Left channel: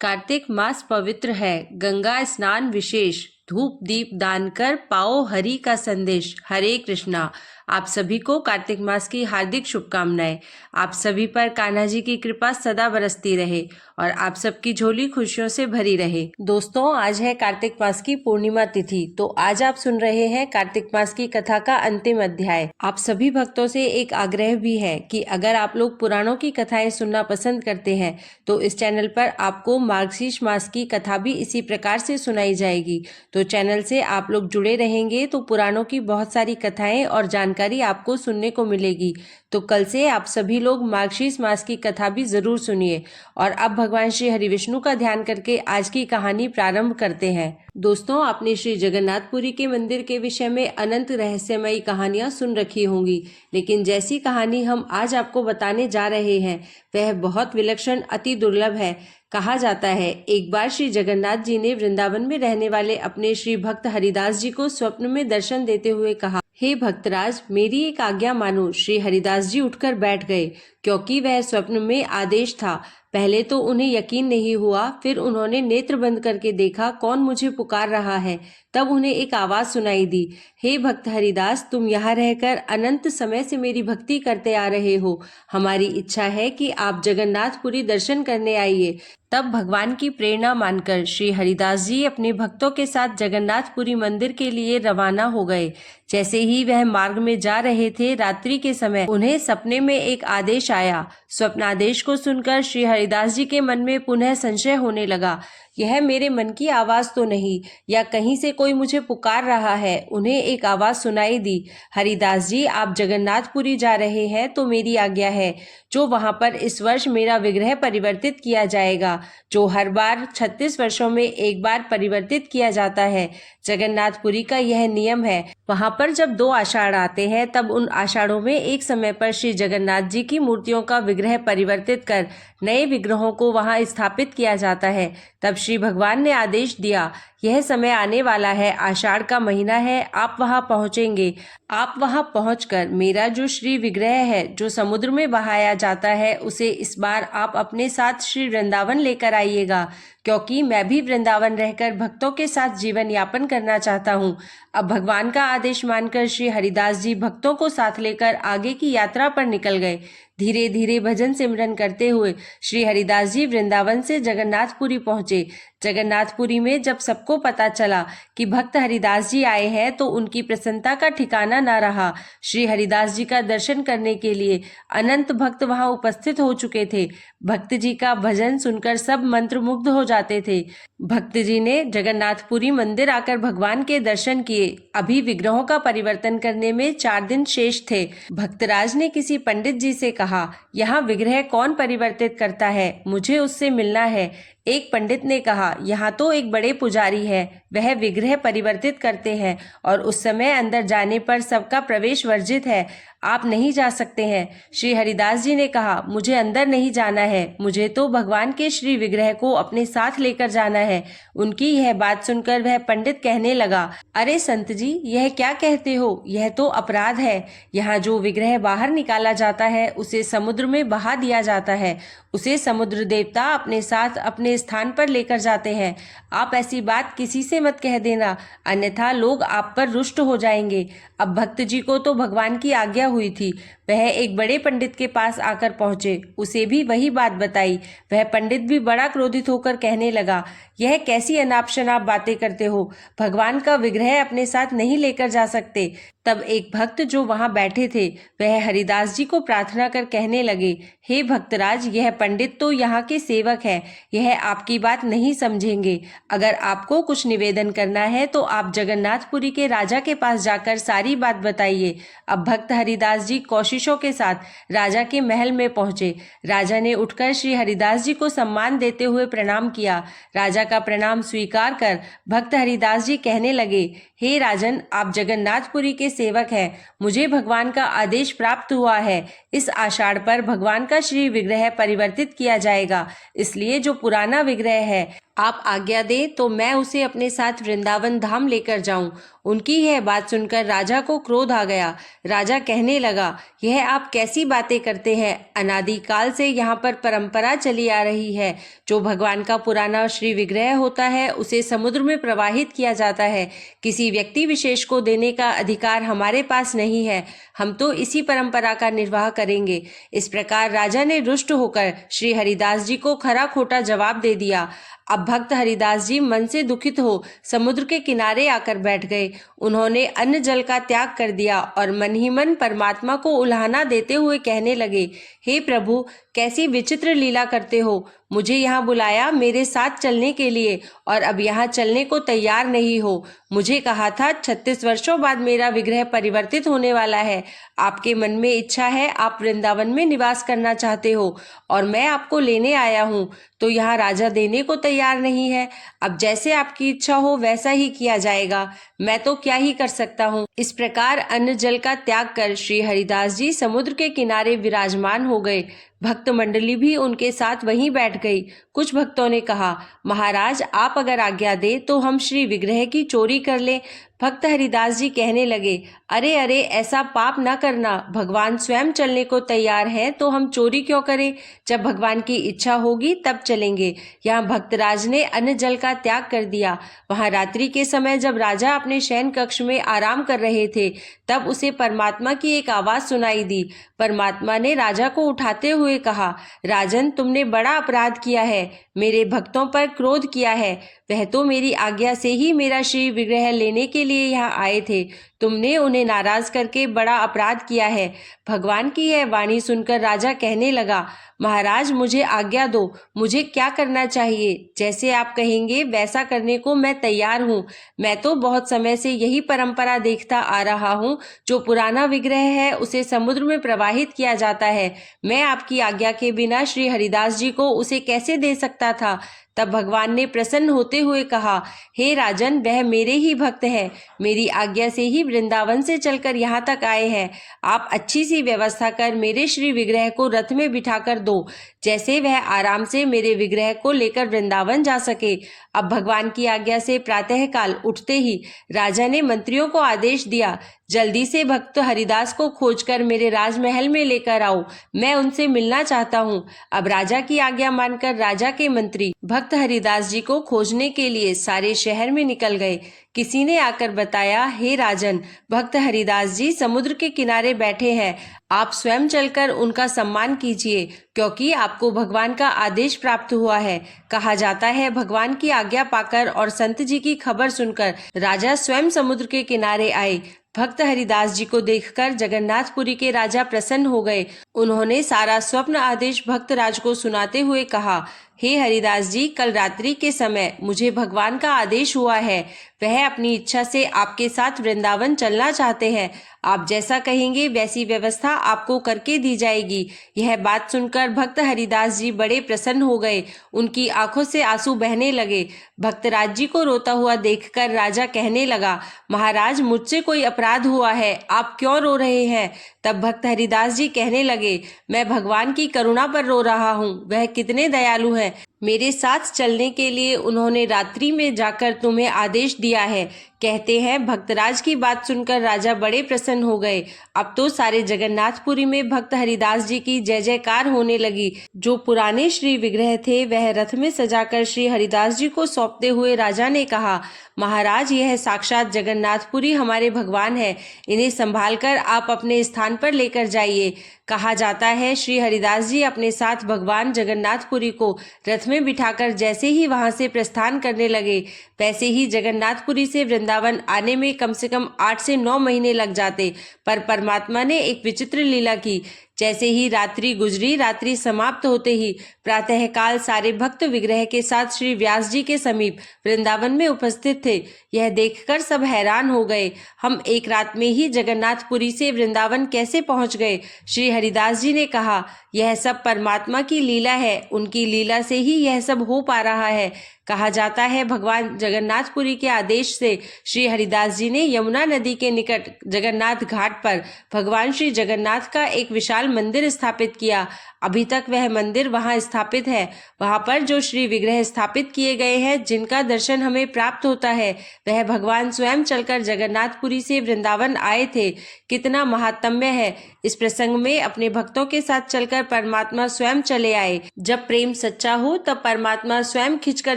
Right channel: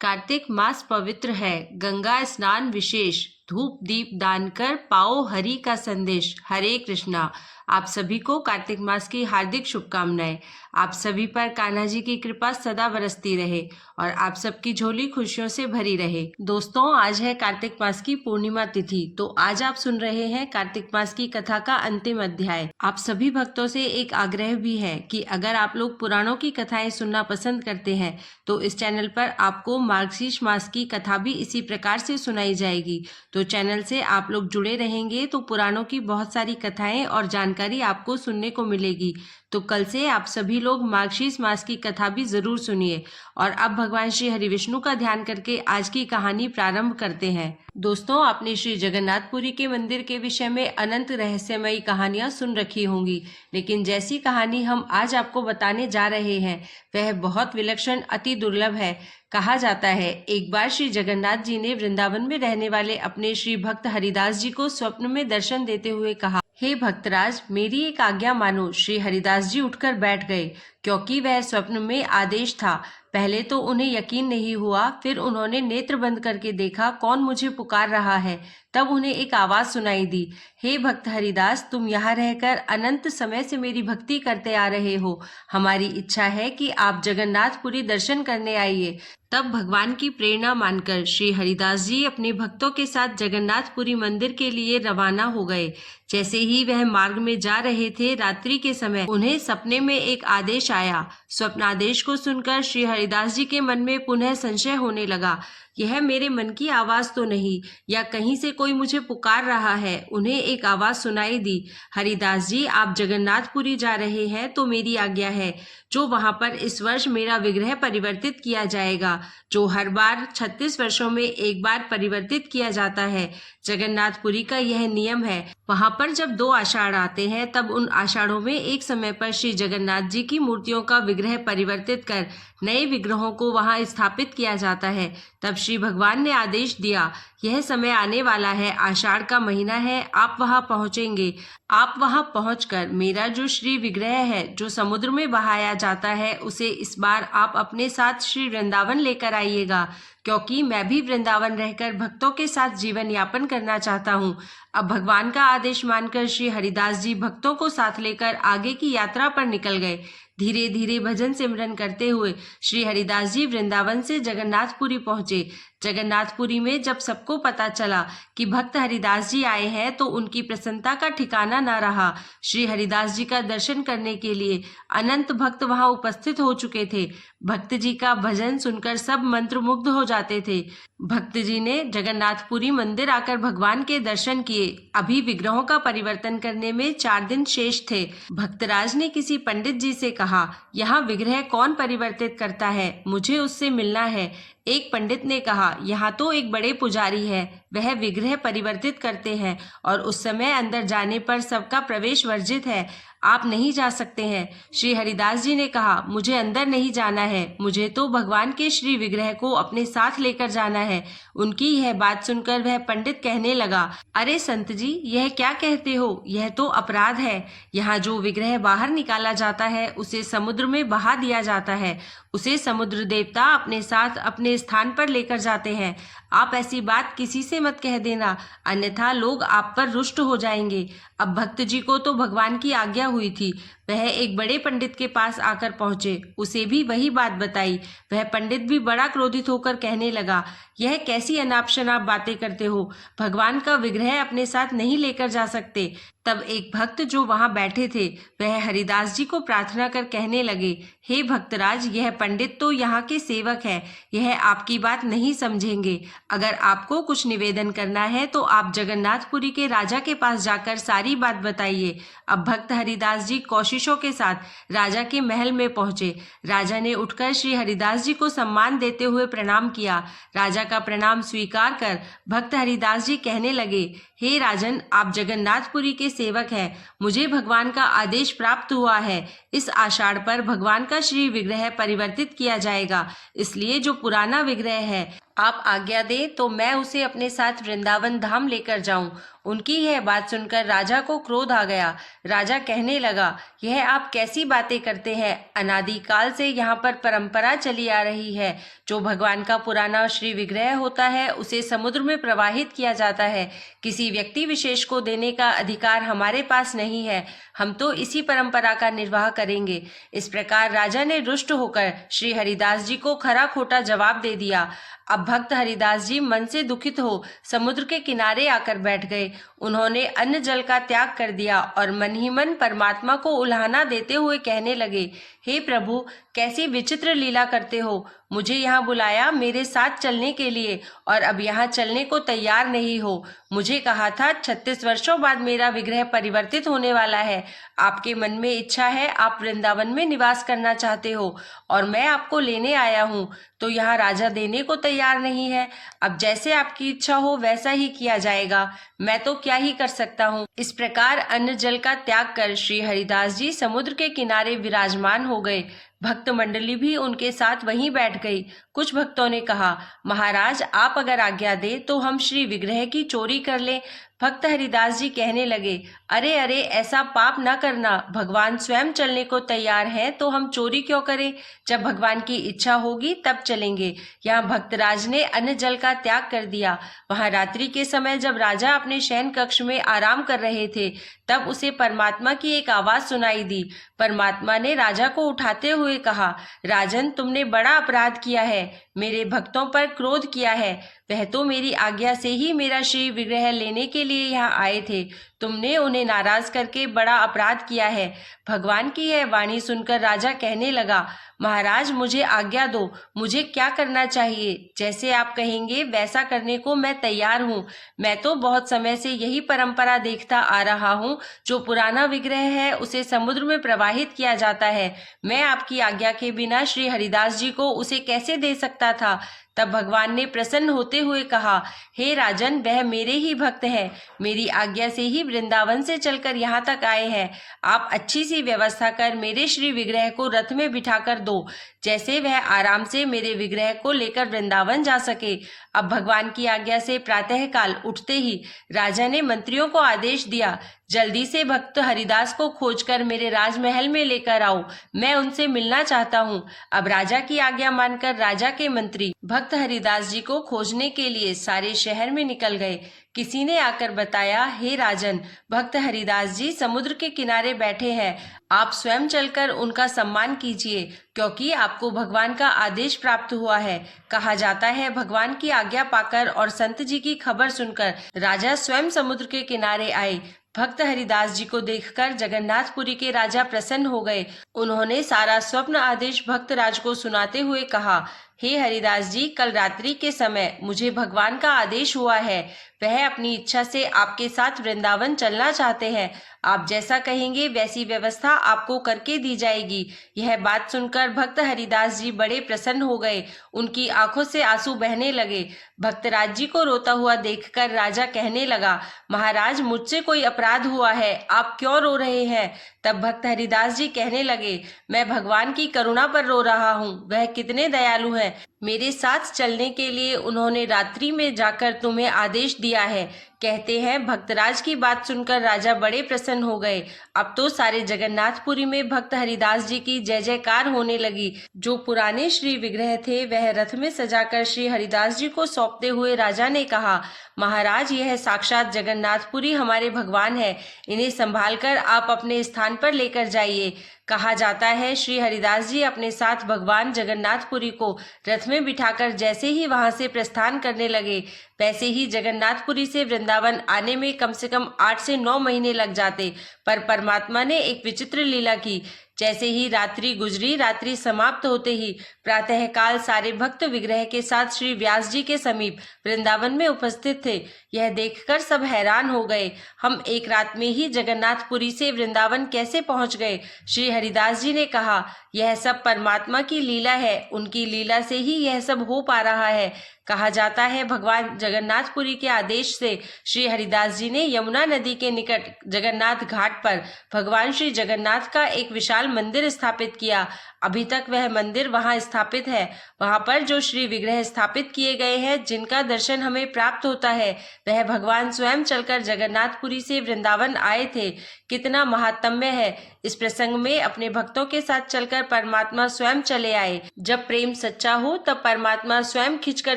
कार्तिक मास पवित्र है, गंगा स्नान विशेष, धूप दीप दान कर पाओ हरि का संदेश। हरे कृष्णा। आप सभी को कार्तिक मास की हार्दिक शुभकामनाएं। आप सभी पर कान्हा जी की कृपा सदा बरसती रहे और आप सबकी झोली खुशियों से भरी रहे। दोस्तों, आज है कार्तिक मास की पूर्णिमा तिथि, तो आज आप सुन रहे हैं कार्तिक मास की कथा का अंतिम अध्याय। आप सभी भक्तों से एक आग्रह भी है कि अगर आप लोग पुराणों की कथाएं सुनना पसंद करते हैं तो इस चैनल पर आपको मार्गशीर्ष मास की कथा भी इसी प्रकार से सुनाई जाएगी। तो चैनल से आप लोग जुड़े रहेंगे तो पुराणों की बहुत सारी कथाएं और जानकारी आपको सुनने को मिलेगी। तो कल से आप सभी लोग मार्गशीर्ष मास की कथा भी जरूर सुनिए। और अब भगवान श्री हरि विष्णु का ध्यान करके आज की कहानी प्रारंभ करते हैं। दोस्तों, आपने श्री जगन्नाथपुरी के मंदिर के विषय में अनंत रहस्यमयी कहानियां सुन रखी होंगी, लेकिन जैसी कहानी हम आज आपको बताने जा रहे हैं वह बहुत विलक्षण, अति दुर्लभ है। कहा जाता है, एक बार श्री जगन्नाथ जी ने वृंदावन में रहने वाले अपने श्री भक्त हरिदास जी को स्वप्न में दर्शन देते हुए कहा, हे भक्तराज, मेरी एक आज्ञा मानो। श्री हरिदास जी उठकर बैठ गए, क्योंकि वह स्वप्न में आदेश था। पहले तो उन्हें यकीन नहीं हुआ, फिर उन्होंने नेत्र बंद करके देखा कौन मुझे पुकार रहा है। तब उन्हें एक आवाज सुनाई दी, हे भक्त हरिदास, तुम यहाँ रहकर अनंत समय से मेरी भक्ति करते आ रहे हो। हमारी इच्छा है कि आप जगन्नाथपुरी दर्शन करने आइए। तब भगवान की प्रेरणा मानकर श्री हरिदास जी अपने भक्तों के साथ जगन्नाथपुरी मंदिर के लिए रवाना हो गए। जैसे ही वह मार्ग में जा रहे थे, रात्रि के समय उन्हें सपने में एक आदेश आया। स्वप्नादेश को सुनकर श्री हरिदास जी के मन में पुनः संशय होने लगा, यह मेरे मन की आवाज तो नहीं, या कहीं से कोई मुझे पुकार रहा है। उन्हें एक आवाज सुनाई दी, हरिदास जी, आप जगन्नाथपुरी जा रहे हैं तो मेरी आज्ञा है, जो वहां पर इस वर्ष मेरा विग्रह परिवर्तित किया जाएगा, जो हर बार 36 वर्षों में एक बार परिवर्तित किया जाता है। जगन्नाथपुरी का यह नियम है। वहां पर जब 2 आषाढ़ आते हैं, तब उन आषाढ़ों में एक समय पर श्री जगन्नाथ जी की मूर्तियों का विग्रह परिवर्तित कर नए विग्रहों को वहां स्थापित किया जाता है। तब श्री भगवान ने आदेश दिया, यह समय आने वाला है, आषाढ़ का महीना है, आप वहां पहुंचेंगे। आप वहां पहुंचकर मेरा जो श्री विग्रह है, जो समुद्र में बहाया जाता है, उसे इस बार आप अपने साथ श्री वृंदावन लेकर आइएगा, क्योंकि मैं भी वृंदावन रहकर भक्तों के साथ जीवन यापन करना चाहता हूँ। अब भगवान का आदेश मानकर श्री हरिदास जी भक्तों को साथ लेकर आगे की यात्रा पर निकल गए। धीरे धीरे भजन सिमरन करते हुए श्री हरिदास जी वृंदावन से जगन्नाथपुरी पहुंचे। जगन्नाथपुरी में जब सबको पता चला कि भक्त हरिदास जी आए हैं, तो उनकी प्रसन्नता का ठिकाना न रहा। श्री हरिदास जी का दर्शन करने के लिए अनंत भक्त वहां उपस्थित हो चुके थे। भक्त जी का भजन सुनकर सब मंत्रमुग्ध हो जाते थे। भक्त जी ने जगन्नाथपुरी मंदिर आकर भगवान के दर्शन किए। अभी विग्रहों का परिवर्तन करने में 4 दिन शेष थे। भक्तराज ने किसी पंडित जी से कहा, यहाँ विग्रह कौन परिवर्तित करता है, मुझे उससे मिलना है। एक पंडित ने कहा, यहाँ तो एक बड़े पुजारी है, वह विग्रह परिवर्तित करते हैं और उस समय अंदर जाने पर सबका प्रवेश वर्जित है, आप नहीं जा सकते हैं। श्री हरिदास जी ने कहा, मुझे अंदर नहीं जाना है, मुझे तो भगवान के श्री विग्रह को अपने साथ लेकर जाना है। उनकी यह बात सुनकर वह पंडित कहने लगा, अरे संत जी, यह क्या कहते हो, यह तो अपराध है। यहाँ जो विग्रह बाहर निकाला जाता है उसे समुद्र में बहा दिया जाता है, उसे समुद्र देवता अपने साथ अपने स्थान पर लेकर जाते हैं। आप ऐसी बात किसी से मत कह देना, अन्यथा लोग आप पर रुष्ट हो जाएंगे। अब भक्त जी को तो भगवान की आज्ञा हुई थी, वह एक बड़े पंडित के पास आकर पहुंचे, उसे भी वही बात बताई। वह पंडित भी बड़ा क्रोधित होकर कहने लगा, यह कैसी अनाप शनाप बातें करते हो, भगवान का विग्रह अपने साथ नहीं लेकर जा सकते। तब एक भक्त जो वहां बैठे थे, वह हरिदास जी को प्रार्थना कर कहने लगे, हे भक्तराज, यह पंडित तो यहाँ के सेवक है, यह आपकी बात नहीं समझेंगे। अगर आपको कुछ निवेदन करना है तो आप जगन्नाथपुरी के राजा के पास जाकर सारी बात बताइए। अब भक्त हरिदास जी कोशिशों के साथ राजा के महल में पहुंचे। राजा ने उठकर श्री हरिदास जी को सम्मान देते हुए प्रणाम किया। राजा का प्रणाम स्वीकार कर भक्त हरिदास जी कहने लगे, हे राजन, आप जगन्नाथपुरी के सेवक हैं। मुझे भगवान का आदेश प्राप्त हुआ है। इस आषाढ़ पर भगवान का श्री विग्रह परिवर्तित किया जाएगा। इसलिए जो पुराना विग्रह है, आप आज्ञा दें तो मैं उसे अपने साथ वृंदावन धाम लेकर जाऊं। उनकी यह बात सुनकर राजा को क्रोध आ गया। राजा कहने लगा, यह आप कैसी बातें करते हैं? अनादिकाल से यहाँ पर परंपरा चली आ रही है। जो भगवान का पुराना श्री विग्रह होता है उसे समुद्र में प्रवाहित किया जाता है। किसी व्यक्ति विशेष को देने का अधिकार हमारे पास नहीं है। हम तो इसी परंपरा का निर्वाह करेंगे। इस प्रकार राजा ने रुष्ट होकर श्री हरिदास जी को खरा खोटा जवाब दे दिया। अब भक्त हरिदास जी मन से दुखित हो समुद्र के किनारे आकर बैठ गए। उन्होंने अन्न जल का त्याग कर दिया और मन ही मन परमात्मा को उल्हाना देते हुए कहने लगे, हे प्रभु, कैसी विचित्र लीला करते हो। मुझे यहाँ बुलाया मेरे साथ चलने के लिए और अब यहाँ चलने को तैयार नहीं हो। मुझे कहा था 36 वर्षों बाद मेरा विग्रह परिवर्तित होने वाला है। आपके मन में इच्छा है, आप वृंदावन में निवास करना चाहते हो और मैं आपको लेने आया हूँ, तो यहाँ राजा देने को तैयार नहीं है। अब जैसे आपकी इच्छा हो वैसा ही किया जाएगा। मैं तो क्या ही कर सकता हूँ। इस प्रकार अन्न जल का त्याग कर श्री हरिदास जी समुद्र के किनारे विराजमान हो गए। भक्त मंडली भी उनके साथ वहीं बैठ गई। कुछ भक्तों ने कहा, महाराज, आप अगर आज्ञा दे तो हम श्री विग्रह की चोरी कर लें। भक्त हरिदास जी कहने लगे, अरे अरे, ऐसा पाप न करना। भगवान स्वयं चलने को तैयार हैं तो हम चोरी क्यों करें? जब भगवान की इच्छा होगी तब चलेंगे। यहाँ भक्तराज ने अन्न जल का त्याग कर दिया। वहां रात्रि के समय जब राजा अपने शयन कक्ष में आराम कर रहे थे तब उसे परमात्मा की एक आवाज सुनाई दी। परमात्मा ने राजा को उठाते हुए कहा, राजन, तुमने बड़ा अपराध किया है। मेरे भक्तों पर क्रोध किया है। वह तो मेरी आज्ञा से ही मेरा श्री विग्रह लेने के लिए यहाँ आए थे। तुमने उन्हें नाराज करके बड़ा अपराध किया है। भगवान की यह वाणी सुनकर राजा कहने लगा, महाराज, मुझे आज्ञा दो। मुझे क्या करना चाहिए? जैसे आप कहेंगे वैसा करने को मैं तैयार हूँ। मैं तो बहुत समय से यही परंपरा देखता आ रहा हूँ। जो पुराना विग्रह है उसे समुद्र में प्रवाहित किया जाता है। मैं आपकी आज्ञा के बिना श्री हरिदास जी को उसे कैसे दे सकता था? तब भगवान ने प्रसन्न होते हुए कहा, हे राजन, वह मेरे ही भक्त हैं। मेरी आज्ञा से ही वृंदावन से चलकर यहाँ तक आए हैं। आप अच्छी सी व्यवस्था कर मेरे श्री विग्रह को रथ में बिठाकर दो, जैसे वह आराम से मेरे विग्रह को लेकर वृंदावन जा सके। अब भगवान की आज्ञा से प्रातःकाल उठते ही राजा ने मंत्रियों को आदेश दिया, जल्दी से भक्त हरिदास को खोजकर मेरे राजमहल में लेकर आओ। मैं उनसे मिलना चाहता हूँ। अब राजा की आज्ञा मानकर राजा के मंत्री भक्त हरिदास जी को खोजने के लिए सारे शहर में निकल गए। किसी ने आकर बताया, हे राजन, भक्त हरिदास जी समुद्र के किनारे बैठे हैं। आप स्वयं चलकर उनका सम्मान कीजिए, क्योंकि आपको भगवान का आदेश प्राप्त हुआ है। कहा जाता है भगवान की आज्ञा पाकर और संत जी की खबर सुनकर राजा स्वयं समुद्र के किनारे आए। भक्त हरिदास जी को देखकर जगन्नाथपुरी के राजा प्रसन्न हो गए। उन्होंने सारा स्वप्न आदेश भक्त राज को सुनाते हुए कहा, हे हरिदास जी, कल रात्रि के समय मुझे भगवान का आदेश हुआ है। वह अपनी इच्छा से आपके साथ वृंदावन चलना चाहते हैं। आप जैसा कहेंगे वैसी व्यवस्था आपको करके दी जाएगी। यह बात सुनकर भक्त हरिदास जी बड़े प्रसन्न हो गए। उनकी आंखों से आंसू बहने लगे। भक्तराज जी को रोता हुआ देखकर राजा कहने लगा, महाराज, मुझसे कोई अपराध हुआ है, आप क्यों रो रहे हैं? तब भक्त हरिदास जी कहने लगे, मैं भगवान की करुणा पर रो रहा हूँ। वह कितने दयालु हैं। मेरे साथ चलने के लिए उन्होंने रात्रि में जाकर तुम्हें आदेश दिया है। कहते हैं भक्तराज की बात सुनकर राजा बड़े प्रसन्न हो गए। अब तो सारे जगन्नाथपुरी में भक्त हरिदास जी की जय जयकार होने लगी। जो पुराने श्री विग्रह थे वह रथ में सजाकर श्री हरिदास जी को सौंपते हुए राजा ने कहा, महाराज, यह साक्षात जगन्नाथपुरी हमारे भगवान है। इन्हें संभालकर आप अपने स्थान पर लेकर जाइए। कहा जाता है श्री हरिदास जी अपने साथ भगवान जगन्नाथपुरी को रथ में बिठाकर जैसे ही वहां से प्रस्थान करने लगे, वैसे ही जगन्नाथपुरी से वृंदावन आने में कम से कम 8 से 9 महीने लग जाते। पर परमात्मा ने एक विचित्र लीला की। जैसे ही रात्रि गुजरी, रात्रि समाप्त होते ही प्रातःकाल सारे भक्त विग्रह के साथ श्री व्यास जी के समीप वृंदावन में उपस्थित थे। यह देखकर सब हैरान हो गए। हम एक रात में ही जगन्नाथपुरी से वृंदावन कैसे पहुंच गए? श्री हरिदास जी ने कहा, यह सब परमात्मा की लीला है। उनकी लीला से ही यह सब हो पा रहा है। कहा जाता है भगवान जगन्नाथपुरी के आदेश से श्री हरिदास जी ने यमुना नदी के निकट जगन्नाथ घाट पर भगवान श्री जगन्नाथ का एक विशाल मंदिर स्थापित किया। अभी तक वह मंदिर वहां स्थापित है। वहां पर जो श्री विग्रह स्थापित किए गए हैं, जिनका दर्शन हमें प्राप्त होता है, वह भगवान स्वयं चलकर जगन्नाथपुरी से वृंदावन आए थे। कितना महात्म्य है। इस प्रसंग में अपने भक्तों के साथ चलकर परमात्मा स्वयं चले आए। जब प्रेम सच्चा हो तब परमात्मा स्वयं खिंचकर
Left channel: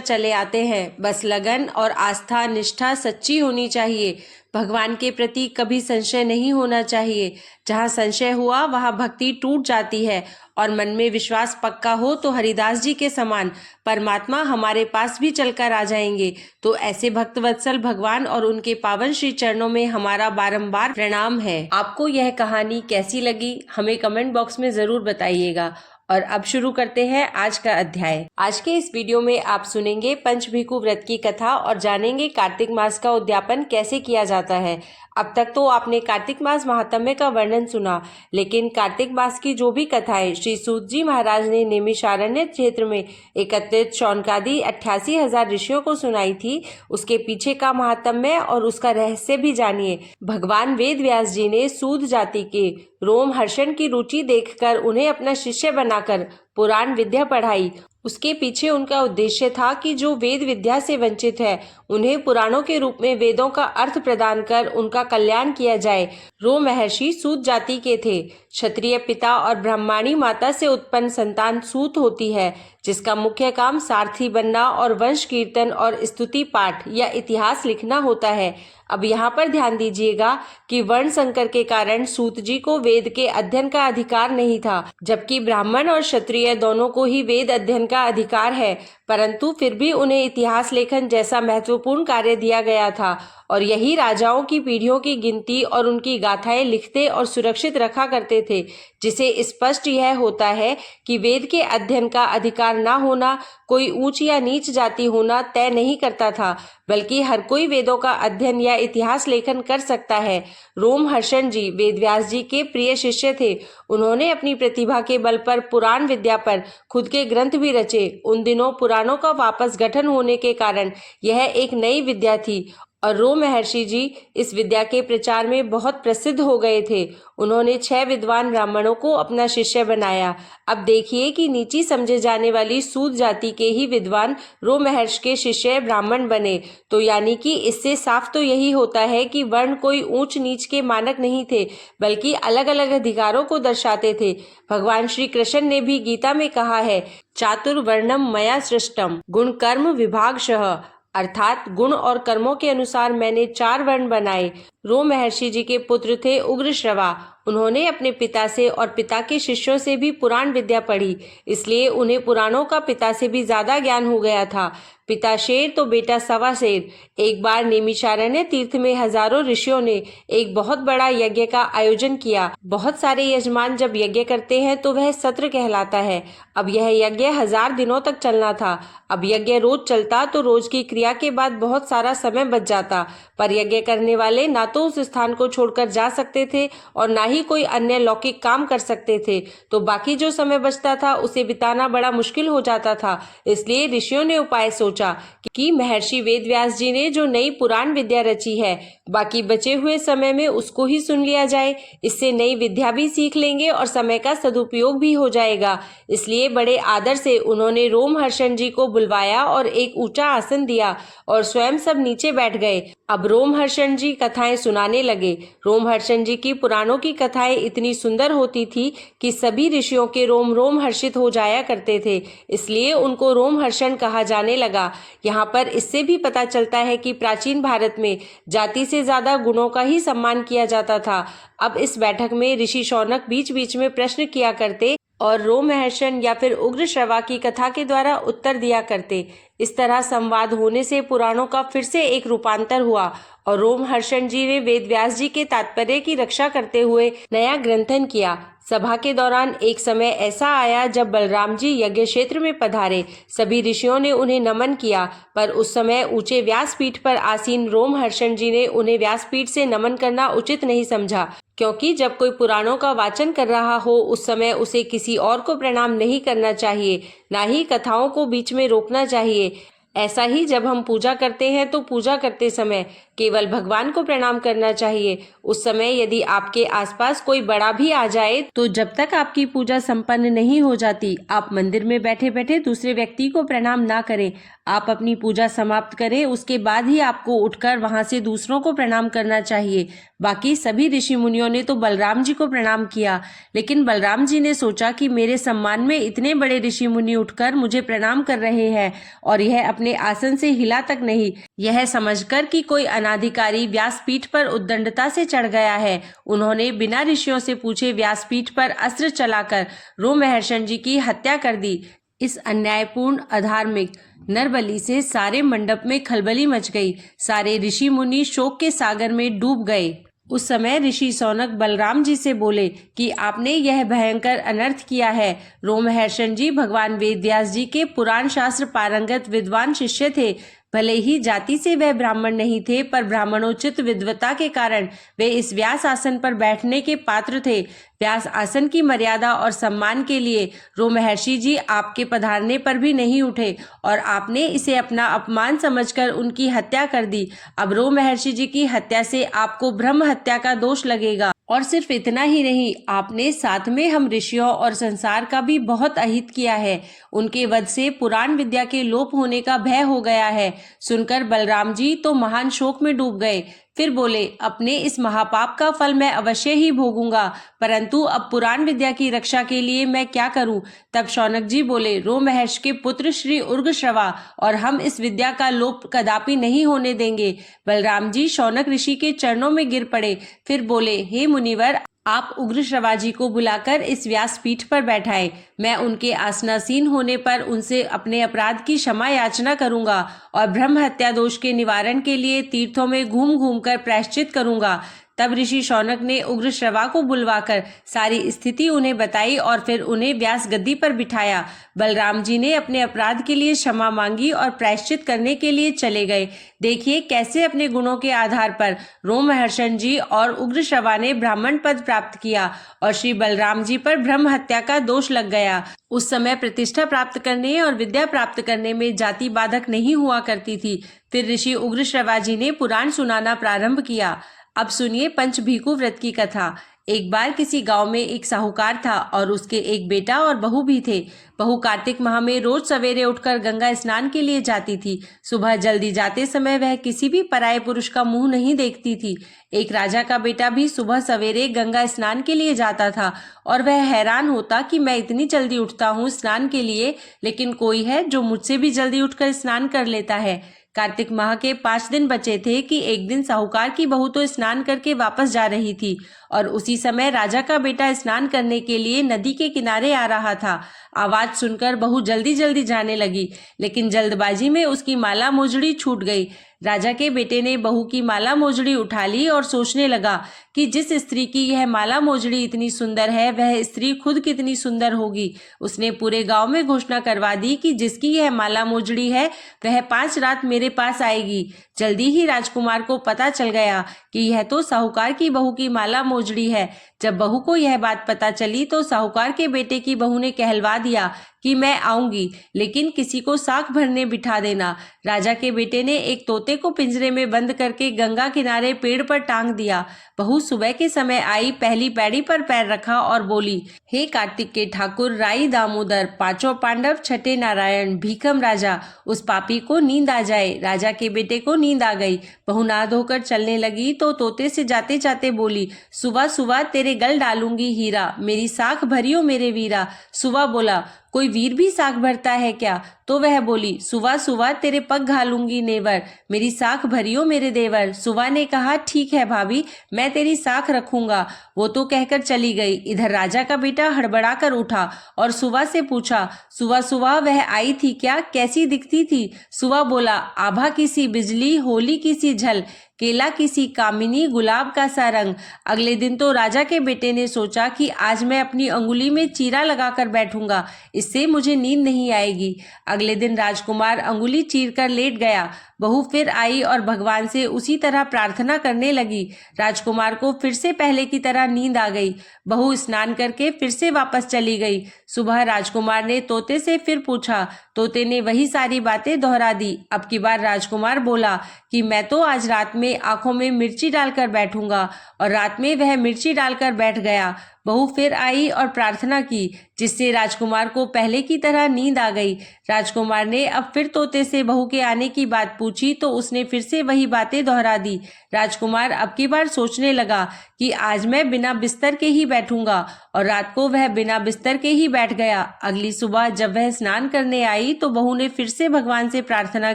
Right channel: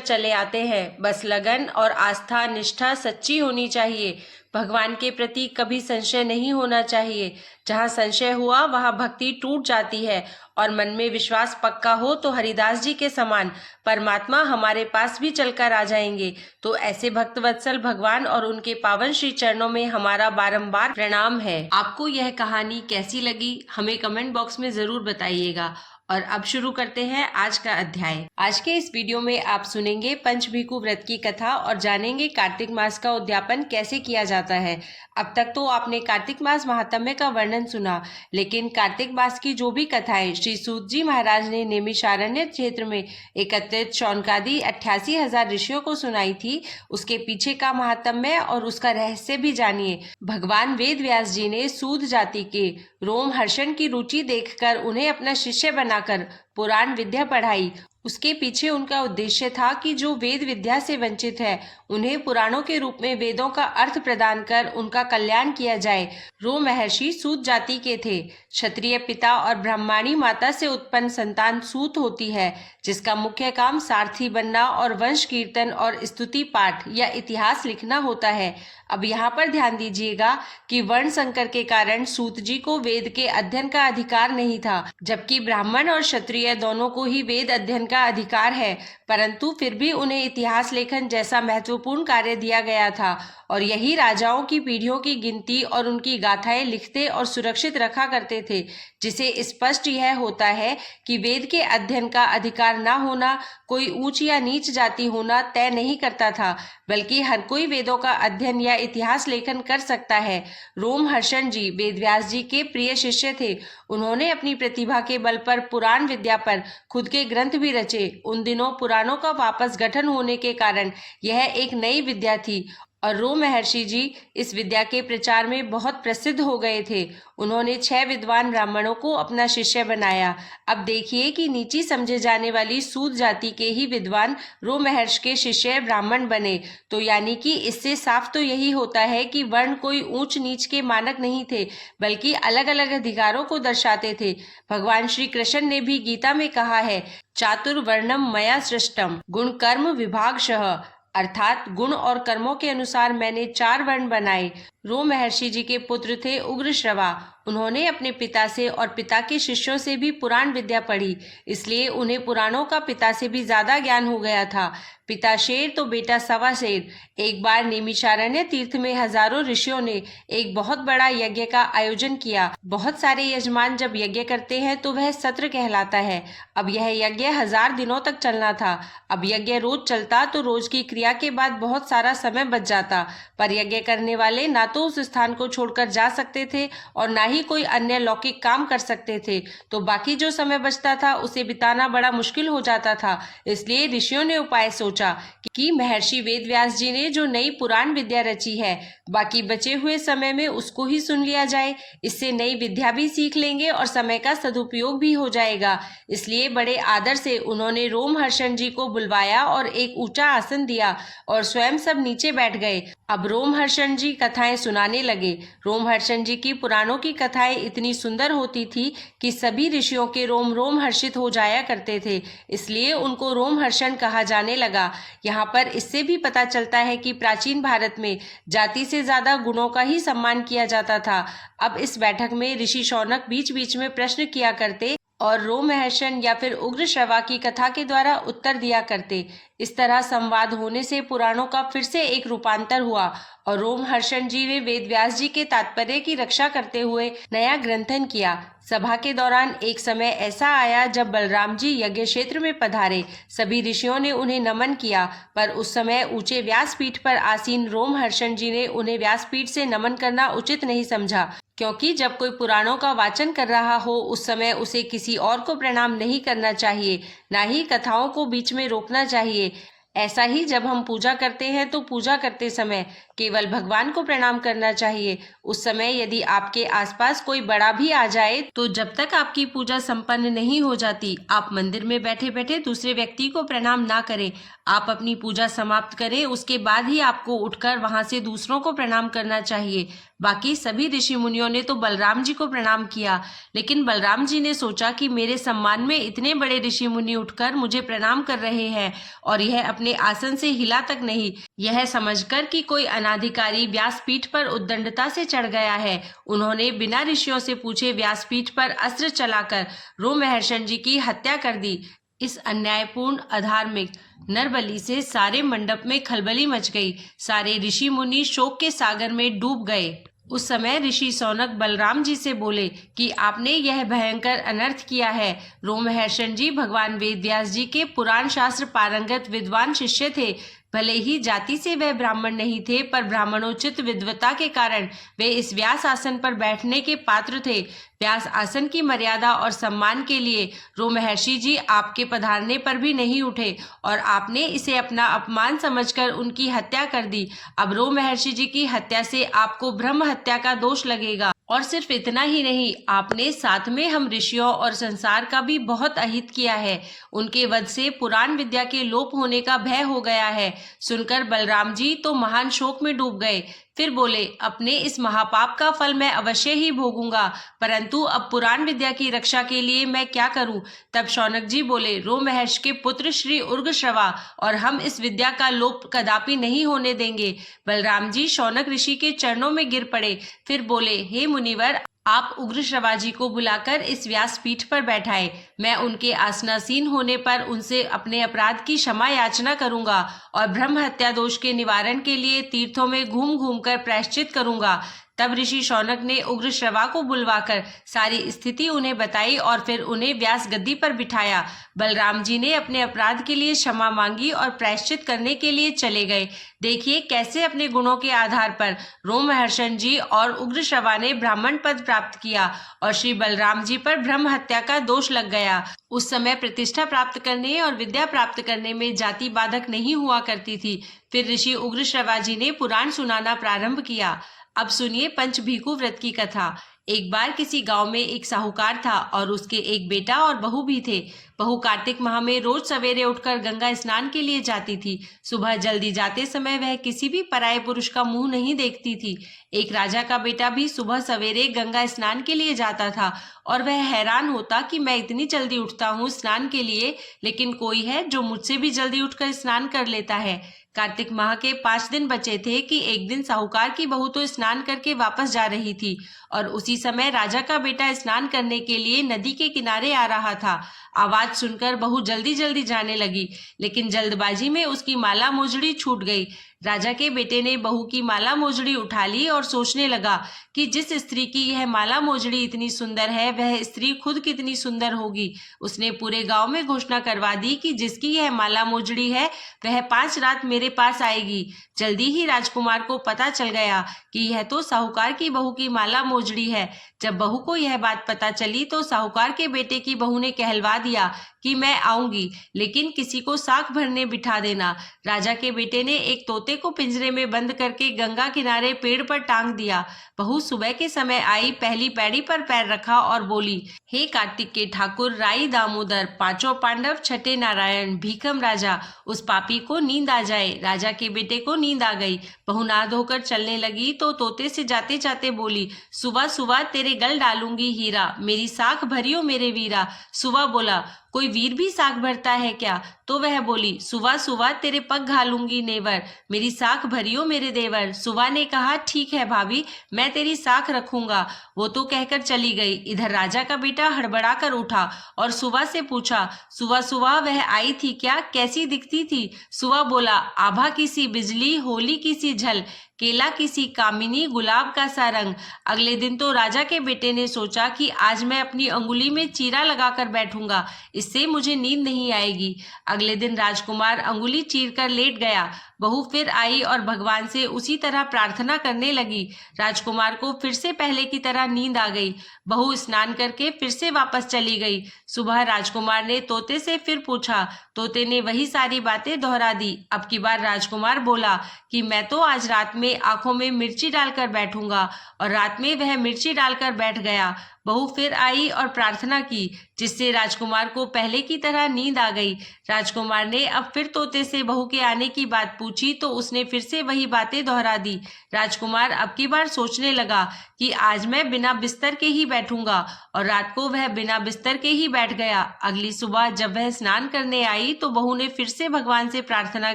चले आते हैं। बस लगन और आस्था निष्ठा सच्ची होनी चाहिए। भगवान के प्रति कभी संशय नहीं होना चाहिए। जहाँ संशय हुआ वहाँ भक्ति टूट जाती है, और मन में विश्वास पक्का हो तो हरिदास जी के समान परमात्मा हमारे पास भी चलकर आ जाएंगे। तो ऐसे भक्त वत्सल भगवान और उनके पावन श्री चरणों में हमारा बारंबार प्रणाम है। आपको यह कहानी कैसी लगी हमें कमेंट बॉक्स में जरूर बताइएगा। और अब शुरू करते हैं आज का अध्याय। आज के इस वीडियो में आप सुनेंगे पंचभिकु व्रत की कथा और जानेंगे कार्तिक मास का उद्यापन कैसे किया जाता है। अब तक तो आपने कार्तिक मास महात्म्य का वर्णन सुना, लेकिन कार्तिक मास की जो भी कथाएं श्री सूत जी महाराज ने नैमिषारण्य क्षेत्र में एकत्रित शौनकादि 88,000 ऋषियों को सुनाई थी, उसके पीछे का महात्म्य और उसका रहस्य भी जानिए। भगवान वेद व्यास जी ने सूद जाति के रोम हर्षण की रुचि देखकर उन्हें अपना शिष्य बनाकर पुराण विद्या पढ़ाई। उसके पीछे उनका उद्देश्य था कि जो वेद विद्या से वंचित है, उन्हें पुराणों के रूप में वेदों का अर्थ प्रदान कर उनका कल्याण किया जाए। रोम महर्षि सूत जाति के थे। क्षत्रिय पिता और ब्राह्मणी माता से उत्पन्न संतान सूत होती है, जिसका मुख्य काम सारथी बनना और वंश कीर्तन और स्तुति पाठ या इतिहास लिखना होता है। अब यहाँ पर ध्यान दीजिएगा कि वर्ण संकर के कारण सूत जी को वेद के अध्ययन का अधिकार नहीं था, जबकि ब्राह्मण और क्षत्रिय दोनों को ही वेद अध्ययन का अधिकार है, परंतु फिर भी उन्हें इतिहास लेखन जैसा महत्वपूर्ण कार्य दिया गया था, और यही राजाओं की पीढ़ियों की गिनती और उनकी गाथाएं लिखते और सुरक्षित रखा करते थे, जिसे स्पष्ट यह होता है कि वेद के अध्ययन का अधिकार न होना कोई ऊंच या नीच जाति होना तय नहीं करता था, बल्कि हर कोई वेदों का अध्ययन या इतिहास लेखन कर सकता है। रोम हर्षण जी वेदव्यास जी के प्रिय शिष्य थे। उन्होंने अपनी प्रतिभा के बल पर पुराण विद्या पर खुद के ग्रंथ भी रचे। उन दिनों पुराणों का वापस गठन होने के कारण यह एक नई विद्या थी, और रोम महर्षि जी इस विद्या के प्रचार में बहुत प्रसिद्ध हो गए थे। उन्होंने 6 विद्वान ब्राह्मणों को अपना शिष्य बनाया। अब देखिए कि नीची समझे जाने वाली सूत जाति के ही विद्वान रोम महर्षि के शिष्य ब्राह्मण बने। तो यानी कि इससे साफ तो यही होता है कि वर्ण कोई ऊंच नीच के मानक नहीं थे, बल्कि अलग अलग अधिकारों को दर्शाते थे। भगवान श्री कृष्ण ने भी गीता में कहा है, चातुर्वर्णम मया सृष्टम गुण कर्म विभागशः, अर्थात गुण और कर्मों के अनुसार मैंने 4 वर्ण बनाए। रोम महर्षि जी के पुत्र थे उग्रश्रवा। उन्होंने अपने पिता से और पिता के शिष्यों से भी पुराण विद्या पढ़ी, इसलिए उन्हें पुराणों का पिता से भी ज्यादा ज्ञान हो गया था। पिता शेर तो बेटा सवा शेर। एक बार नैमिषारण्य तीर्थ में हजारों ऋषियों ने एक बहुत बड़ा यज्ञ का आयोजन किया। बहुत सारे यजमान जब यज्ञ करते हैं तो वह सत्र कहलाता है। अब यह यज्ञ 1000 दिनों तक चलना था। अब यज्ञ रोज चलता तो रोज की क्रिया के बाद बहुत सारा समय बच जाता, पर यज्ञ करने वाले ना तो उस स्थान को छोड़कर जा सकते थे और ना ही कोई अन्य लौकिक काम कर सकते थे, तो बाकी जो समय बचता था उसे बिताना बड़ा मुश्किल हो जाता था। इसलिए ऋषियों ने उपाय सोचा कि महर्षि वेदव्यास जी ने जो नई पुराण विद्या रची है, बाकी बचे हुए समय में उसको ही सुन लिया जाए। इससे नई विद्या भी सीख लेंगे और समय का सदुपयोग भी हो जाएगा। इसलिए बड़े आदर से उन्होंने रोम हर्षण जी को बुलवाया और एक ऊंचा आसन दिया और स्वयं सब नीचे बैठ गए। अब रोम हर्षण जी कथाएं सुनाने लगे। रोम हर्षण जी की पुराणों की कथाएं इतनी सुंदर होती थी कि सभी ऋषियों के रोम रोम हर्षित हो जाया करते थे, इसलिए उनको रोम हर्षण कहा जाने लगा। यहाँ पर इससे भी पता चलता है कि प्राचीन भारत में जाति से ज्यादा गुणों का ही सम्मान किया जाता था। अब इस बैठक में ऋषि शौनक बीच बीच में प्रश्न किया करते और रोम हर्षण या फिर उग्रश्रवा की कथा के द्वारा उत्तर दिया करते। इस तरह संवाद होने से पुराणों का फिर से एक रूपांतर हुआ और रोम हर्षण जी ने वेदव्यास जी के तात्पर्य की रक्षा करते हुए नया ग्रंथन किया। सभा के दौरान एक समय ऐसा आया जब बलराम जी यज्ञ क्षेत्र में पधारे। सभी ऋषियों ने उन्हें नमन किया, पर उस समय ऊंचे व्यासपीठ पर आसीन रोमहर्षण जी ने उन्हें व्यासपीठ से नमन करना उचित नहीं समझा, क्योंकि जब कोई पुराणों का वाचन कर रहा हो उस समय उसे किसी और को प्रणाम नहीं करना चाहिए, ना ही कथाओं को बीच में रोकना चाहिए। ऐसा ही जब हम पूजा करते हैं तो पूजा करते समय केवल भगवान को प्रणाम करना चाहिए। उस समय यदि आपके आसपास कोई बड़ा भी आ जाए तो जब तक आपकी पूजा संपन्न नहीं हो जाती, आप मंदिर में बैठे बैठे दूसरे व्यक्ति को प्रणाम ना करें। आप अपनी पूजा समाप्त करें, उसके बाद ही आपको उठकर वहां से दूसरों को प्रणाम करना चाहिए। बाकी सभी ऋषि मुनियों ने तो बलराम जी को प्रणाम किया, लेकिन बलराम जी ने सोचा कि मेरे सम्मान में इतने बड़े ऋषि मुनि उठकर मुझे प्रणाम कर रहे हैं और यह अपने आसन से हिला तक नहीं। यह समझकर कि कोई अनाधिकारी व्यासपीठ पर उद्दंडता से चढ़ गया है, उन्होंने बिना ऋषियों से पूछे व्यासपीठ पर अस्त्र चलाकर रोमहर्षण जी की हत्या कर दी। इस अन्यायपूर्ण अधार्मिक नरबलि से सारे मंडप में खलबली मच गई। सारे ऋषि मुनि शोक के सागर में डूब गए। उस समय ऋषि शौनक बलराम जी से बोले कि आपने यह भयंकर अनर्थ किया है। रोमहर्षण जी भगवान वेदव्यास जी के पुराण शास्त्र पारंगत विद्वान शिष्य थे। भले ही जाति से वह ब्राह्मण नहीं थे, पर ब्राह्मणोचित विद्वता के कारण वे इस व्यास आसन पर बैठने के पात्र थे। व्यास आसन की मर्यादा और सम्मान के लिए रोमहर्षि जी आपके पधारने पर भी नहीं उठे और आपने इसे अपना अपमान समझकर उनकी हत्या कर दी। अब रोमहर्षि जी की हत्या से आपको ब्रह्म हत्या का दोष लगेगा। और सिर्फ इतना ही नहीं, आपने साथ में हम ऋषियों और संसार का भी बहुत अहित किया है। उनके वध से पुराण विद्या के लोप होने का भय हो गया है। सुनकर बलराम जी तो महान शोक में डूब गए। फिर बोले, अपने इस महापाप का फल मैं अवश्य ही भोगूंगा, परंतु अब पुराण विद्या की रक्षा के लिए मैं क्या करूं? तब शौनक जी बोले, रोमहर्ष के पुत्र श्री उर्गश्रवा और हम इस विद्या का लोप कदापि नहीं होने देंगे। बलराम जी शौनक ऋषि के चरणों में गिर पड़े। फिर बोले, हे मुनिवर, आप उग्रश्रवा जी को बुलाकर इस व्यासपीठ पर बैठाए। मैं उनके आसनासीन होने पर उनसे अपने अपराध की क्षमा याचना करूंगा और ब्रह्म हत्या दोष के निवारण के लिए तीर्थों में घूम घूम कर प्रायश्चित करूंगा। तब ऋषि शौनक ने उग्रश्रवा को बुलवाकर सारी स्थिति उन्हें बताई और फिर उन्हें व्यास गद्दी पर बिठाया। बलराम जी ने अपने अपराध के लिए क्षमा मांगी और प्रायश्चित करने के लिए चले गए। देखिए कैसे अपने गुणों के आधार पर रोमहर्षण जी और उग्रश्रवा ने ब्राह्मण पद प्राप्त किया और श्री बलराम जी पर ब्रह्म हत्या का दोष लग गया। उस समय प्रतिष्ठा प्राप्त करने और विद्या प्राप्त करने में जाति बाधक नहीं हुआ करती थी। फिर ऋषि उग्रश्रवा जी ने पुराण सुनाना प्रारंभ किया। अब सुनिए पंचभीकु व्रत की कथा। एक बार किसी गांव में एक साहूकार था और उसके एक बेटा और बहू भी थे। बहू कार्तिक माह में रोज सवेरे उठकर गंगा स्नान के लिए जाती थी। सुबह जल्दी जाते समय वह किसी भी पराये पुरुष का मुंह नहीं देखती थी। एक राजा का बेटा भी सुबह सवेरे गंगा स्नान के लिए जाता था और वह हैरान होता कि मैं इतनी जल्दी उठता हूँ स्नान के लिए, लेकिन कोई है जो मुझसे भी जल्दी उठकर स्नान कर लेता है। कार्तिक माह के 5 दिन बचे थे कि एक दिन साहूकार की बहू तो स्नान करके वापस जा रही थी और उसी समय राजा का बेटा स्नान करने के लिए नदी के किनारे आ रहा था। आवाज सुनकर बहू जल्दी जल्दी जाने लगी, लेकिन जल्दबाजी में उसकी माला मोजड़ी छूट गई। राजा के बेटे ने बहू की माला मोजड़ी उठा ली और सोचने लगा कि जिस स्त्री की यह माला मोजड़ी इतनी सुंदर है, वह स्त्री खुद कितनी सुंदर होगी। उसने पूरे गांव में घोषणा करवा दी कि जिसकी यह माला मोजड़ी है वह 5 रात मेरे पास आएगी। जल्दी ही राजकुमार को पता चल गया कि यह तो साहूकार की बहू की माला मोजड़ी है। जब बहू को यह बात पता चली तो साहूकार के बेटे की बहू ने कहलवा दिया कि मैं आऊंगी, लेकिन किसी को साख भरने बिठा देना। राजा के बेटे ने एक तोते को पिंजरे में बंद करके गंगा किनारे पेड़ पर टांग दिया। बहू सुबह के समय आई, पहली पैड़ी पर पैर रखा और बोली, हे कार्तिक के ठाकुर, राई दामोदर, 5 पांडव, 6 नारायण, भीखम राजा, उस पापी को नींद आ जाए। राजा के बेटे को नींद आ गई। बहू नहा धोकर चलने लगी तो तोते से जाते जाते बोली, सुबह सुबह तेरे गल डालूंगी हीरा, मेरी साख भरियो मेरे वीरा। सुबह बोला, कोई वीर भी साख भरता है क्या? तो वह बोली, सुवा सुवा तेरे पग घालूंगी नेवर, मेरी साख भरियो मेरे देवर। सुवा ने कहा, ठीक है भाभी, मैं तेरी साख रखूंगा। वो तो कहकर चली गई। इधर राजा का बेटा हड़बड़ा कर उठा और सुवा से पूछा, सुवा सुवा वह आई थी क्या? कैसी दिखती थी? सुवा बोला, आभा की सी बिजली, होली की सी झल, केला किसी कामिनी, गुलाब का सा रंग। अगले दिन तो राजा के बेटे ने सोचा कि आज मैं अपनी अंगुली में चीरा लगाकर बैठूंगा, इससे मुझे नींद नहीं आएगी। अगले दिन राजकुमार अंगुली चीर कर लेट गया। बहू फिर आई और भगवान से उसी तरह प्रार्थना करने लगी। राजकुमार को फिर से पहले की तरह नींद आ गई। बहू स्नान करके फिर से वापस चली गई। सुबह राजकुमार ने तोते से फिर पूछा। तोते ने वही सारी बातें दोहरा दी। अब की बार राजकुमार बोला कि मैं तो आज रात में आंखों में मिर्ची डालकर बैठूंगा, और रात में वह मिर्ची डालकर बैठ गया। बहू फिर आई और प्रार्थना की, जिससे राजकुमार को पहले की तरह नींद आ गई। राजकुमार ने अब फिर तोते से बहू के आने की बात पूछी तो उसने फिर से वही बातें दोहरा दी। राजकुमार अब की बार सोचने लगा कि आज मैं बिना बिस्तर के ही बैठूंगा, और रात को वह बिना बिस्तर के ही बैठ गया। अगली सुबह जब वह स्नान करने आई तो बहू ने फिर से भगवान से प्रार्थना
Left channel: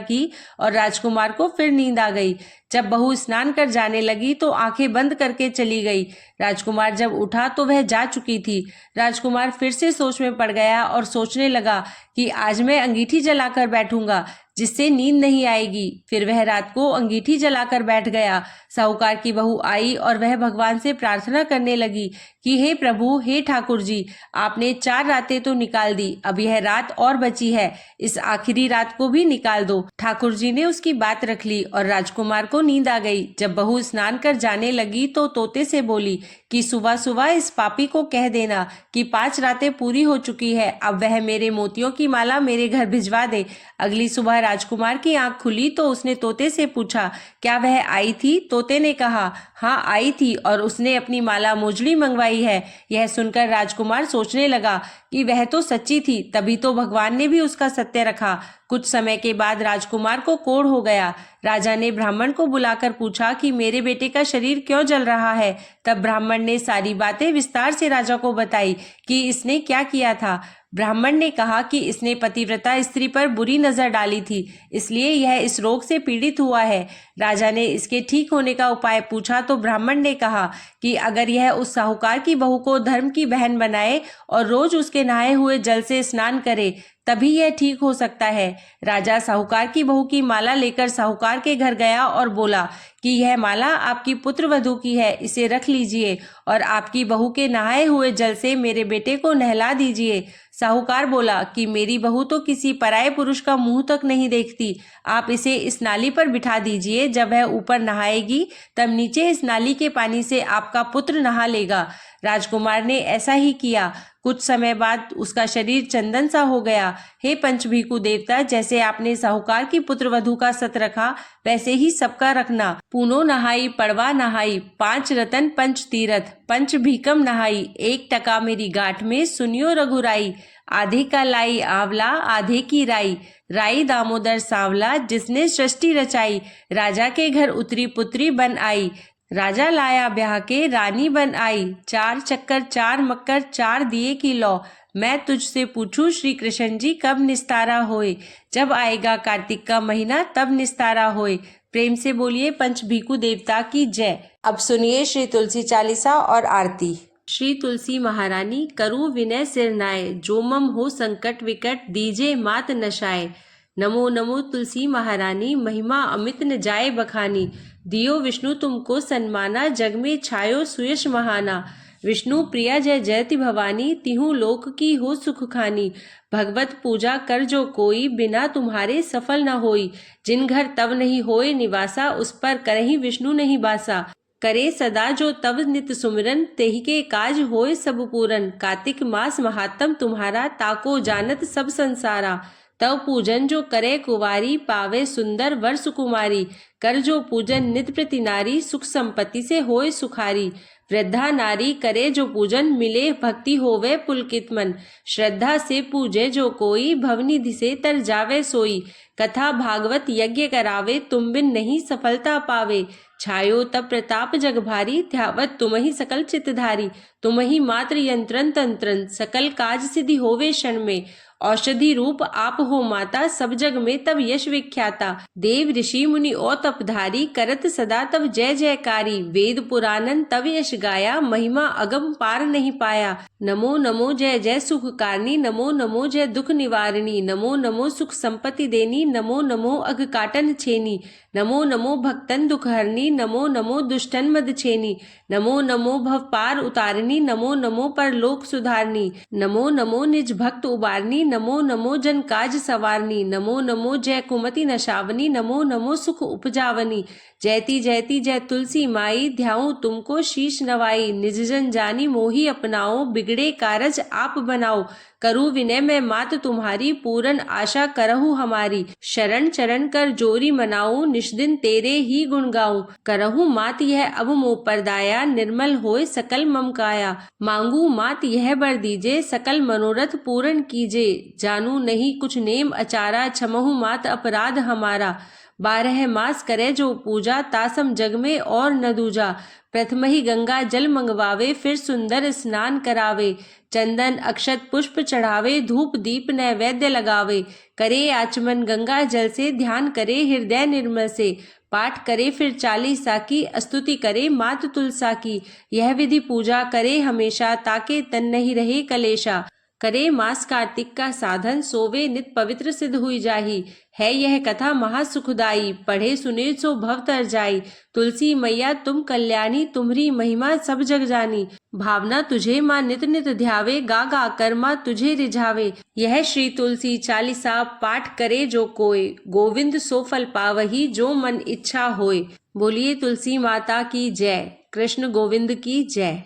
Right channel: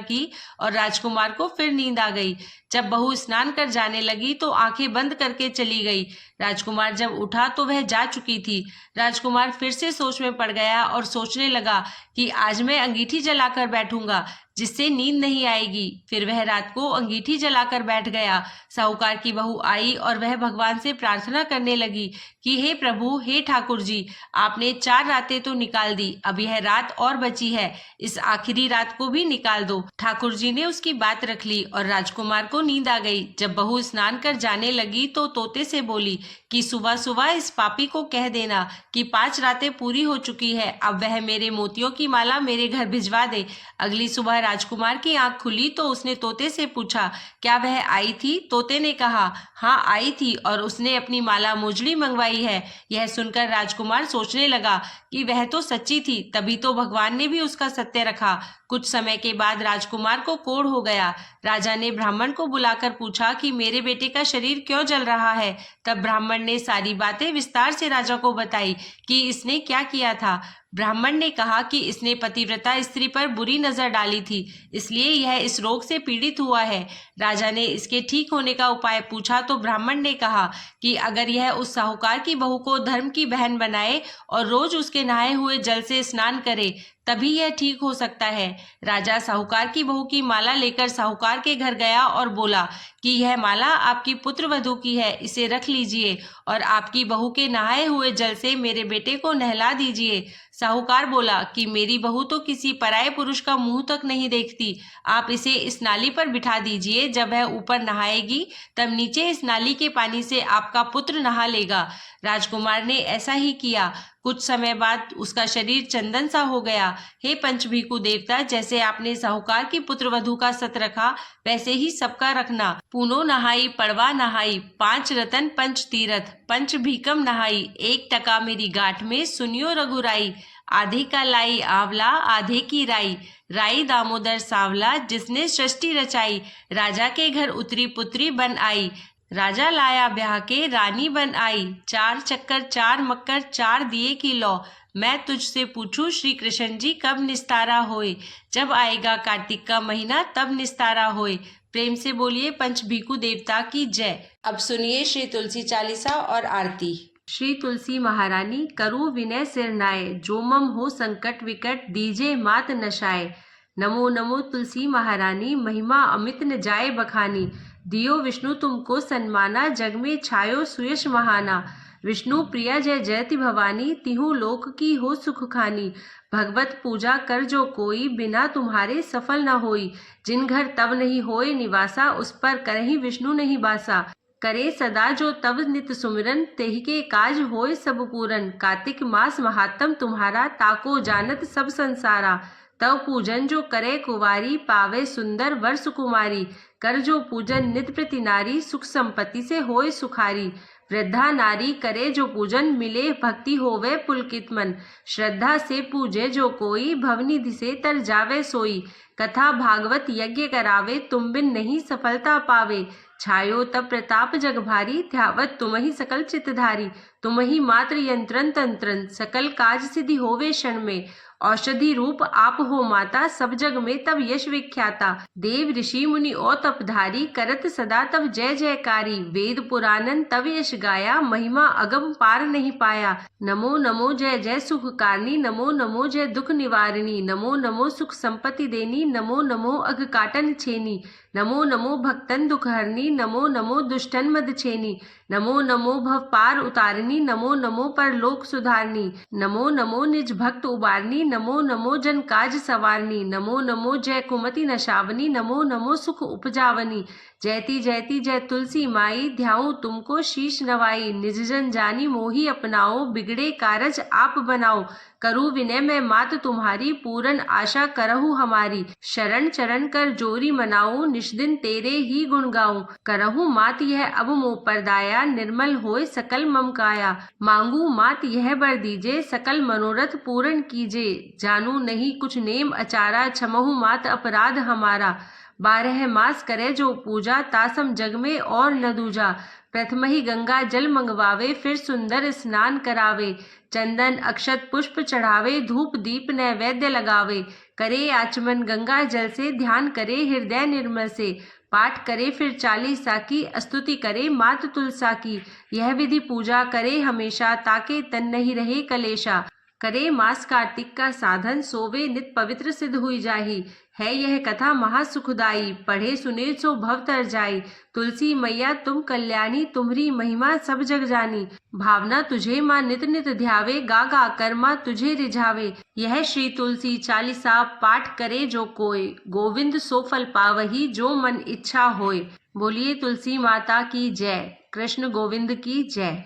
की और राजकुमार को फिर नींद आ गई। जब बहू स्नान कर जाने लगी तो आंखें बंद करके चली गई। राजकुमार जब उठा तो वह जा चुकी थी। राजकुमार फिर से सोच में पड़ गया और सोचने लगा कि आज मैं अंगीठी जलाकर बैठूंगा, जिससे नींद नहीं आएगी। फिर वह रात को अंगीठी जलाकर बैठ गया। साहूकार की बहू आई और वह भगवान से प्रार्थना करने लगी कि हे प्रभु, हे ठाकुर जी, आपने 4 रातें तो निकाल दी, अब यह रात और बची है, इस आखिरी रात को भी निकाल दो। ठाकुर जी ने उसकी बात रख ली और राजकुमार को नींद आ गई। जब बहू स्नान कर जाने लगी तो तोते से बोली कि सुबह सुबह इस पापी को कह देना कि 5 रातें पूरी हो चुकी है, अब वह मेरे मोतियों की माला मेरे घर भिजवा दे। अगली सुबह राजकुमार की आंख खुली तो उसने तोते से पूछा, क्या वह आई थी? तोते ने कहा, हाँ आई थी, और उसने अपनी माला मोजड़ी मंगवाई है। यह सुनकर राजकुमार सोचने लगा कि वह तो सच्ची थी, तभी तो भगवान ने भी उसका सत्य रखा। कुछ समय के बाद राजकुमार को कोढ़ हो गया। राजा ने ब्राह्मण को बुलाकर पूछा कि मेरे बेटे का शरीर क्यों जल रहा है। तब ब्राह्मण ने सारी बातें विस्तार से राजा को बताई कि इसने क्या किया था। ब्राह्मण ने कहा कि इसने पतिव्रता स्त्री पर बुरी नजर डाली थी, इसलिए यह इस रोग से पीड़ित हुआ है। राजा ने इसके ठीक होने का उपाय पूछा तो ब्राह्मण ने कहा कि अगर यह उस साहूकार की बहू को धर्म की बहन बनाए और रोज उसके नहाए हुए जल से स्नान करे, तभी यह ठीक हो सकता है। राजा साहूकार की बहू की माला लेकर साहूकार के घर गया और बोला कि यह माला आपकी पुत्रवधू की है, इसे रख लीजिए और आपकी बहू के नहाए हुए जल से मेरे बेटे को नहला दीजिए। साहूकार बोला कि मेरी बहू तो किसी पराये पुरुष का मुंह तक नहीं देखती, आप इसे इस नाली पर बिठा दीजिए, जब वह ऊपर नहाएगी तब नीचे इस नाली के पानी से आपका पुत्र नहा लेगा। राजकुमार ने ऐसा ही किया। कुछ समय बाद उसका शरीर चंदन सा हो गया। हे पंचभीकु देवता, जैसे आपने साहूकार की पुत्रवधू का सत रखा, वैसे ही सबका रखना। पूनो नहाई पड़वा नहाई, 5 रतन पंच तीरथ, पंच भीकम नहाई, 1 टका मेरी गांठ में सुनियो रघुराई। आधे का लाई आंवला, आधे की राई, राई दामोदर सांवला, जिसने सृष्टि रचाई। राजा के घर उतरी पुत्री बन आई, राजा लाया ब्याह के रानी बन आई। 4 चक्कर 4 मक्कर 4 दिए की लौ, मैं तुझसे पूछूं श्री कृष्ण जी कब निस्तारा होए, जब आएगा कार्तिक का महीना तब निस्तारा होए। प्रेम से बोलिए पंचभीकु देवता की जय। अब सुनिए श्री तुलसी चालीसा और आरती। श्री तुलसी महारानी करु विनय सिरनाए, जो मम हो संकट विकट दीजे मात नशाए। नमो नमो तुलसी महारानी, महिमा अमित न जाए बखानी। दियो विष्णु तुमको सन्माना, जग में छायो सुयश महाना। विष्णु प्रिया जय जयति भवानी, तिहु लोक की हो सुख खानी। भगवत पूजा कर जो कोई, बिना तुम्हारे सफल न होई। जिन घर तब नहीं होए निवासा, उस पर करही विष्णु नहीं बासा। करे सदा जो तब नित सुमिरन, तेहि के काज होए सब पूरन। कार्तिक मास महात्म तुम्हारा, ताको जानत सब संसारा। तव पूजन जो करे कुवारी, पावे सुंदर वर सुकुमारी। कर जो पूजन नित प्रति नारी, सुख संपत्ति से होए सुखारी। वृद्धा नारी करे जो पूजन, मिले भक्ति होवे पुलकित मन। श्रद्धा से पूजे जो कोई, भवनिधि से तर जावे सोई। कथा भागवत यज्ञ करावे, तुम बिन नहीं सफलता पावे। छायो तब प्रताप जग भारी, ध्यावत तुम ही सकल चितधारी। तुम ही मात्र यंत्रन तंत्रन, सकल काज सिद्धि होवे क्षण में। औषधि रूप आप हो माता, सब जग में तब यश विख्याता। देव ऋषि मुनि और तपधारी, करत सदा तब जय जयकारी। वेद पुराणन तब यश गाया, महिमा अगम पार नहीं पाया। नमो नमो जय जय सुखकारनी, नमो नमो जय दुख निवारिणी। नमो नमो सुख संपत्ति देनी, नमो नमो अघ काटन छेनी। नमो नमो भक्तन दुख हरनी, नमो नमो दुष्टन मद छेनी। नमो नमो भव पार उतारनी, नमो नमो परलोक सुधारनी। नमो नमो निज भक्त उबारनी, नमो नमो जन काज सवारनी। नमो नमो जय कुमति नशावनी, नमो नमो सुख उपजावनी। जयति जयति जय तुलसी माई, ध्याऊं तुमको शीश नवाई। निज जन जानी मोही अपनाओ, बिगड़े कारज आप बनाओ। करूँ विनय मैं मात तुम्हारी, पूरन आशा करहु हमारी। शरण चरण कर जोरी मनाऊं, निष्दिन तेरे ही गुण गाऊं। करहु मात यह अब मोह पर दाया, निर्मल होए सकल मम काया। मांगू मात यह बर दीजे, सकल मनोरथ पूर्ण कीजे। जानू नहीं कुछ नेम अचारा, क्षमहु मात अपराध हमारा। 12 मास करे जो पूजा, तासम जग में और न दूजा। प्रथम ही गंगा जल मंगवावे, फिर सुंदर स्नान करावे। चंदन अक्षत पुष्प चढ़ावे, धूप दीप नैवेद्य लगावे। करे आचमन गंगा जल से, ध्यान करे हृदय निर्मल से। पाठ करे फिर 40 की, स्तुति करे मात तुलसा की। यह विधि पूजा करे हमेशा, ताके तन नहीं रहे कलेशा। करे मास कार्तिक का साधन, सोवे नित पवित्र सिद्ध हुई जाही। है यह कथा महासुखदाई, पढ़े सुने सो भव तर जाई। तुलसी मैया तुम कल्याणी, तुम्हरी महिमा सब जग जानी। भावना तुझे माँ नित नित ध्यावे, गा गा कर माँ तुझे रिझावे। यह श्री तुलसी चालीसा पाठ करे जो कोय, गोविंद सो फल पावही जो मन इच्छा होय। बोलिए तुलसी माता की जय। कृष्ण गोविंद की जय।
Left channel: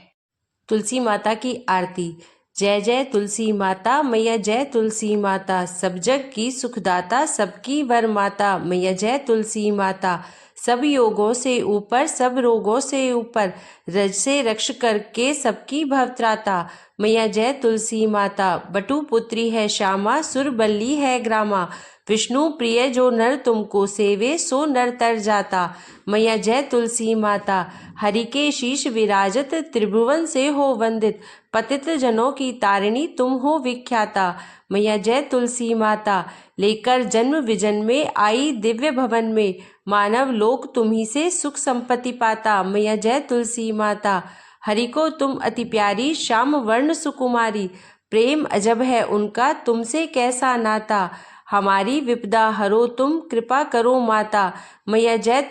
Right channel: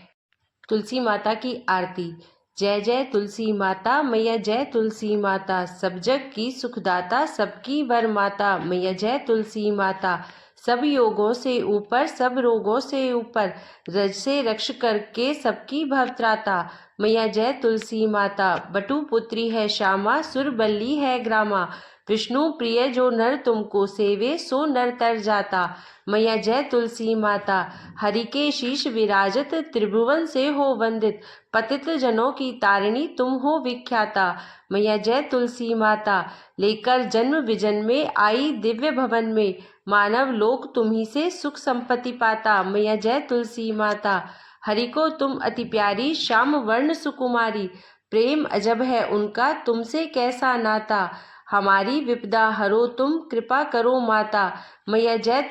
तुलसी माता की आरती। जय जय तुलसी माता, मैया जय तुलसी माता। सब जग की सुखदाता, सबकी वर माता। मैया जय तुलसी माता। सब योगों से ऊपर, सब रोगों से ऊपर, रज से रक्ष करके सबकी भवत्राता। मैया जय तुलसी माता। बटु पुत्री है श्यामा, सुर बल्ली है ग्रामा। विष्णु प्रिय जो नर तुमको सेवे, सो नर तर जाता। मैया जय तुलसी माता। हरि के शीश विराजत, त्रिभुवन से हो वंदित। पतित जनों की तारिणी तुम हो विख्याता। मैया जय तुलसी माता। लेकर जन्म विजन में आई दिव्य भवन में, मानव लोक तुम्ही से सुख संपत्ति पाता। मैया जय तुलसी माता। हरि को तुम अति प्यारी, श्याम वर्ण सुकुमारी। प्रेम अजब है उनका, तुमसे कैसा नाता। हमारी विपदा हरो तुम, कृपा करो माता। मैया जय